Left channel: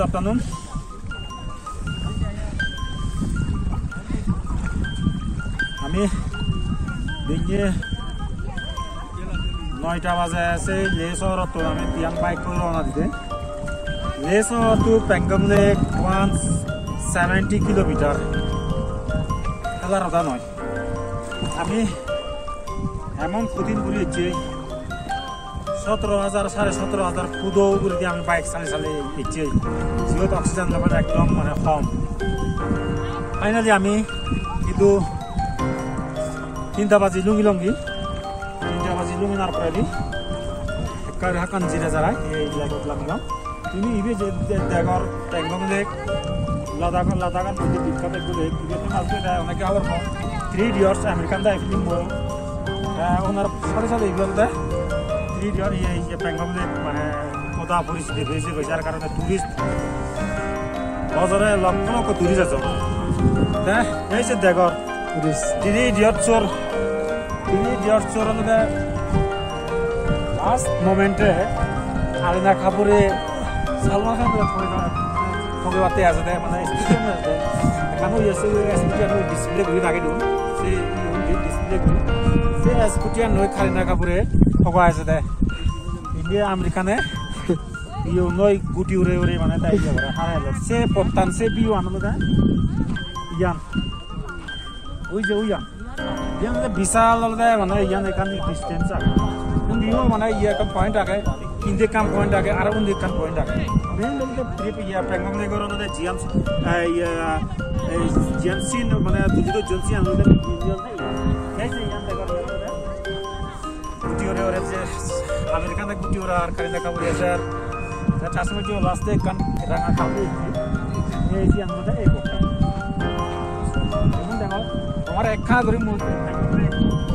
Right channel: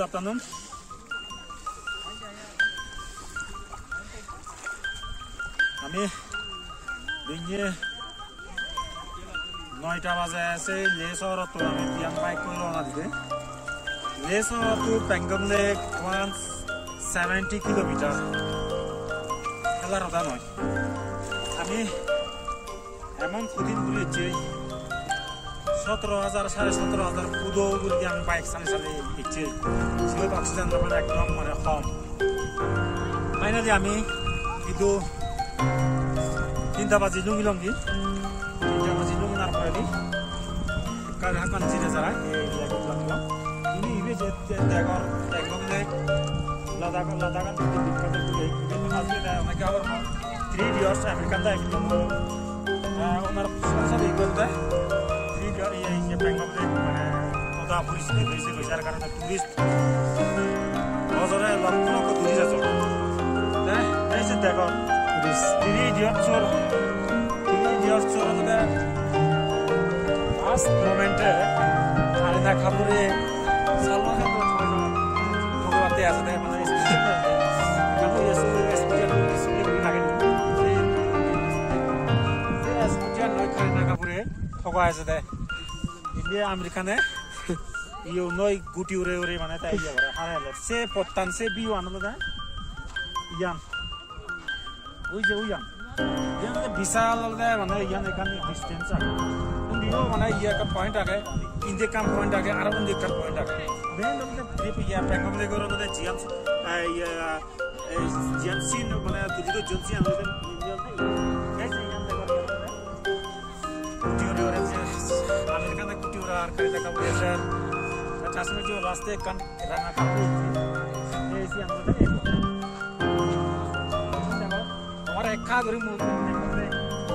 Good afternoon. আমি দিনে 9টা বাজে আছে লে শহরত আমি তিয়ান বাইক করে রওনা দিতে লে শহর টু পেঙ্গম লেক 170 কিলোমিটার খেলার কথা নয় আমি এমন প্রতিদিন ঘুরেছি 17,000 17,500 ফুটো ঘুরে আমি বাইক চালিয়ে এসেছি যেহেতু অক্সিজেন লেভেল একদম মানে কম ফাইনালি আমি কিন্তু 3টা বাজি লুঙ্গি নার পরে দি কার হাকান জিরে যারা এই জায়গায় লাগলাম তুমি ইবে যে দেখর পেঙ্গম লেক লাদাখান কিন্তু বিখ্যাত একটু লেক ইবে মাঝে অনেকে আবার 3 ইডিয়টস আমেরিকান দা ফিল্ম ওনার সাথে এগুলো দেয় 3 ইডিয়ট এই পেঙ্গম লেক মানে কত পরিস্থিতি হয়েছে যার কারণে টুরিস্ট বছরে লক্ষ লক্ষ টুরিস্ট আছে এই যে দেখর 3 ইডিয়টস হলে লাস্ট মোমেন্টে কারিনা কাপুরে সালমান খান ঠকে বাতে আছে মানে ডিসপ্লে ঘুরি নাকি দিম স্কুটি নই কারিনা কাপুরে ঠকা আছে দে ইন্ডিয়া আমেরিকানে ইউ নই গুটি উড়ে উড়ে মানে তাই যাবে হারাইলে সে পত্তান সে বিউ আনন্দ দে ইয়ান ওই যে ওইয়ান ইয়ান বিশাল মানে ইয়ান এখান ডিস্টেন্স আছে Undiyo mana iya kan point ake inde kam point ake aro undi kan point ake main logte trip iya Pangong Lake oro de jiam sin mana tuji to jalsi an logte jol nai kaise yan de gor yaro de guti ore je American de guti ore ar Kareena Kapoor sir da tasme jo last de kan ranga kapu ei si an logte eko এখন দেখো তোমার একখা করে মুখ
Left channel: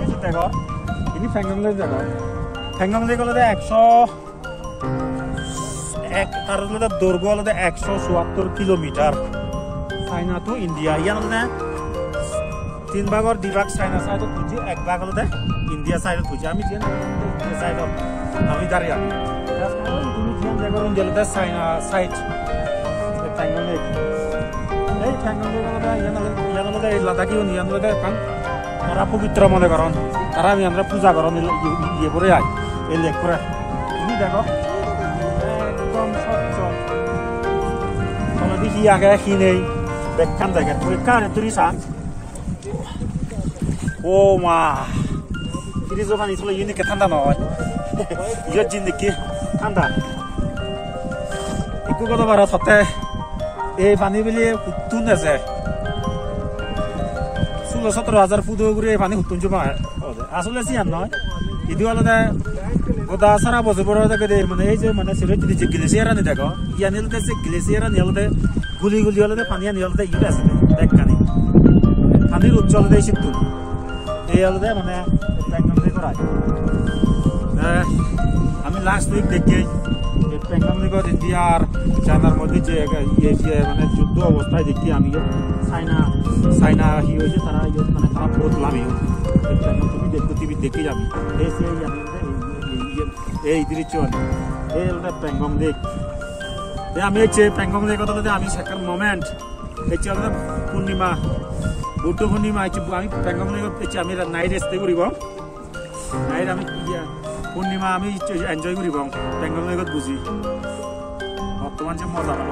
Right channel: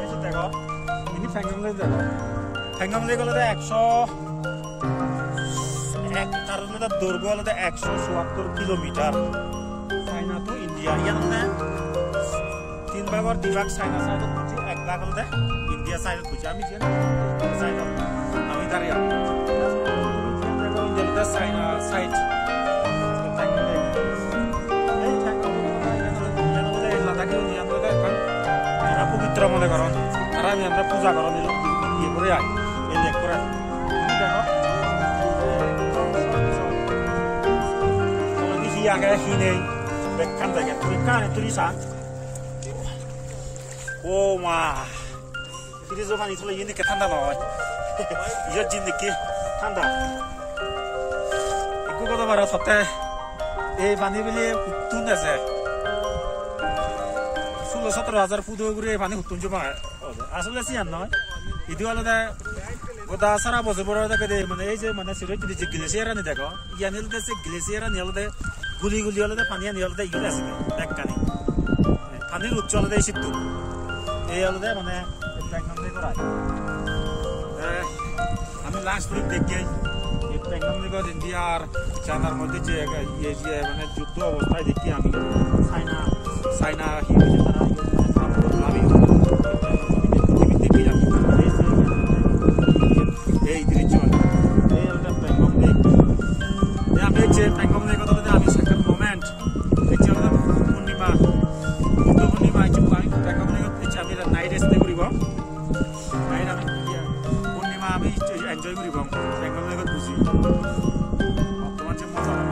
এসে দেখো ini Pangong Lake jago Pangong Lake হলো 101 তার হলো দৈর্ঘ্য হলো 177 কিলোমিটার চাইনা টু ইন্ডিয়া ইয়ান মানে 3 ভাগৰ 2 ভাগ চাইনা সাইডত বুঝি এক ভাগ হলো ইন্ডিয়া সাইডত বুঝি আমি যেন সাইডত আমি দাঁড়িয়ে তুমি যেন জায়গা ইন্ডিয়া চাইনা সাইড Pangong Lake এই Pangong Lake হলো ইয়ান হলো লাদাখি ইয়ান হলো এখন তারা পবিত্র মনে করেন তারা আমি আমরা পূজা করেন ইয়ে করে আই এই লেক করে তুমি দেখো একদম স্বচ্ছ তোমাদের কি আগে কি নেই বেখান দেখে পরীক্ষা তুই সান ও মা তিনি যখন ইসলে ইনি কে ঠান্ডা নয় ইয়র জিন্দিগি ঠান্ডা একটু কথা বারা সতে এই পানি বিলি উত্তুন আছে 17,000 ফুট ঘুরে পানি হুতুন জমা আসলে সিয়ান নয় ইদু আলাদা গোদা সারা বছর বড় দেখে মানে এই যে মানে সিলেট যে গ্লেসিয়ার আনি দেখো ইয়া নিলতে সে গ্লেসিয়ার আনি হলতে গুলি হলতে পানি আনি হলতে ইয়ে আছে দেখকানি পানির উজ্জ্বল দেয় শিবতু এই হলতে মানে Pangong Lake করায় আমি লাস্ট উইক দেখি এই Pangong Lake ইন্ডিয়ার চায়নার মধ্যে যে মানে যুদ্ধ অবস্থায় দেখি আমি চাইনা হি হয়েছে তারা মানে খারাপ বদলামি দেখি যাবে এই দৃশ্য এই হল Pangong Lake আমি হচ্ছে Pangong Lake কথা আমি সেকেন্ড মোমেন্ট হচ্ছে পূর্ণিমা বুদ্ধ পূর্ণিমা হচ্ছে আমি Pangong Lake হচ্ছে আমি নাইট স্টে করিব নাইট আমি পূর্ণিমা আমি এনজয় করিব Pangong Lake বুঝি বর্তমান যে মজা না